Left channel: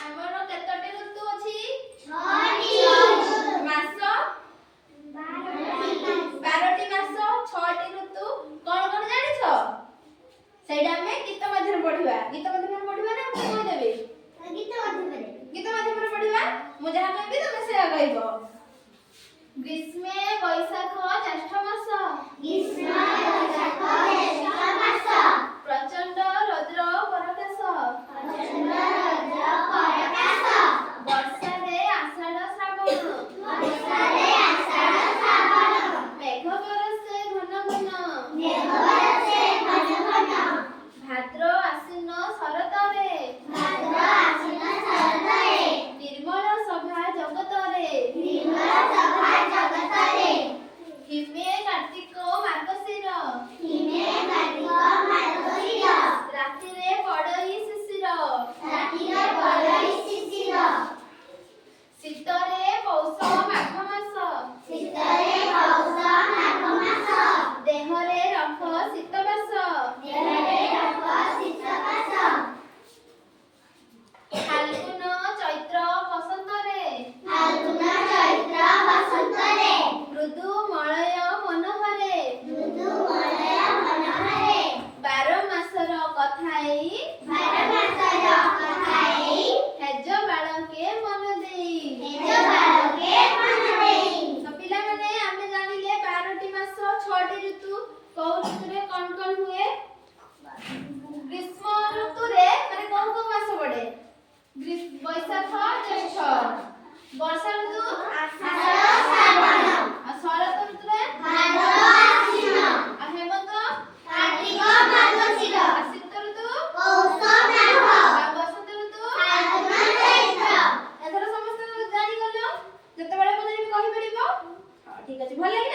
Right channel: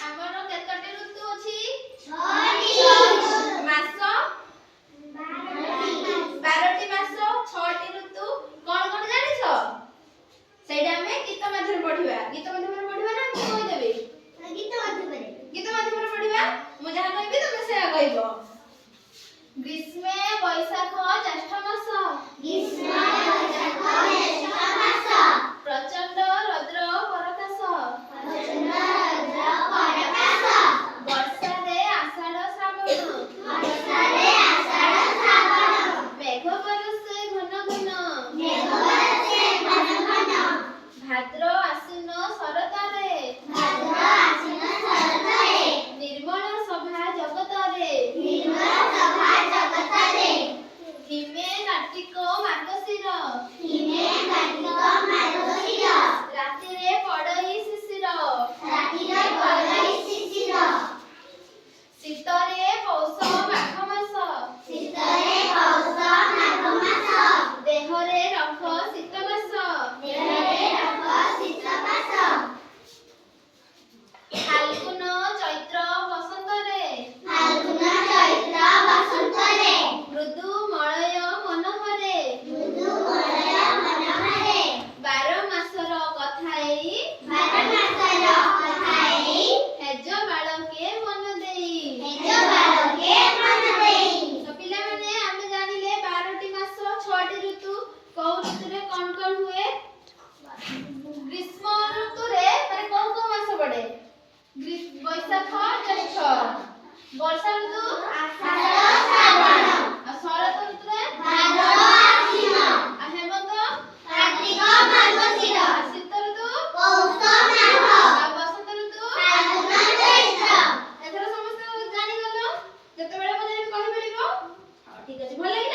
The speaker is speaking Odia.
ଆମର କେତୋଟି ଋତୁ ଅଛି? 6ଟି ମାସ 12ଟି ମାସ 6ଟି ଋତୁ। କଣ କଣ ଜାଣିଛ? ସେଇଟା ଆମେ ଗୀତ ମାଧ୍ୟମରେ ପଢିବା। ଗୀତ ମାଧ୍ୟମରେ ପଢିବା ନା ମୁଁ କହିଦେବି? ଗୀତ ମାଧ୍ୟମରେ ପଢିବା। ମୁଁ ଯାହା କହିବି ତମେ ସେଇଆ କହିବ। ଗ୍ରୀଷ୍ମେ ବୈଶାଖ ଜ୍ୟେଷ୍ଠ ମାସ। ପ୍ରଚଣ୍ଡ ରୌଦ୍ର ପରକାଶ। ବର୍ଷାରେ ଆଷାଢ଼ ଶ୍ରାବଣ। ମେଘ ବରଷେ ଘନ ଘନ। ଭାଦ୍ର ଆଶ୍ୱିନ ଶରତରେ। ନିର୍ମଳ ସଭା ଜଗତରେ। ହିମେ କାର୍ତ୍ତିକ ମାର୍ଗଶିର। ରାତିରେ ପଡ଼ଇ ଶିଶିର। ଶୀତରେ ପୌଷ ମାଘ ମାସ। ଦେହରେ ରଖ ଶୀତ ମାସ। ଫାଲ୍ଗୁନ ଚୈତ୍ର ବସନ୍ତରେ। ମୃଦୁ ମଳୟ ମନୋହରେ। 12 ମାସର କଥା ଏଇ। ହେଜ ବାଳକେ ମନ ଦେଇ। ତ ପିଲାମାନେ ଆମେ ଜାଣିଲେ 12ଟି ମାସ 6ଟି ଋତୁ। କୋଉ ଋତୁରେ କଣ କଣ ହୁଏ? ଗ୍ରୀଷ୍ମ ଋତୁରେ ମାନେ କୋଉ କୋଉ ମାସ ପଡେ? ବୈଶାଖ ଜ୍ୟେଷ୍ଠ। ବର୍ଷା ଋତୁ ଆଉ ଶରତ ଋତୁରେ ଆଉ ହେମନ୍ତ ଆଉ ଶୀତ ଋତୁ ଆଉ ବସନ୍ତ ଋତୁ। ଏଥର ସମସ୍ତେ ଜାଣିଗଲ? ଯେତେବେଳେ ପଚାରିବି କହିପାରିବ? ଠିକ ଅଛି, ଭଲ ଲାଗିଲା।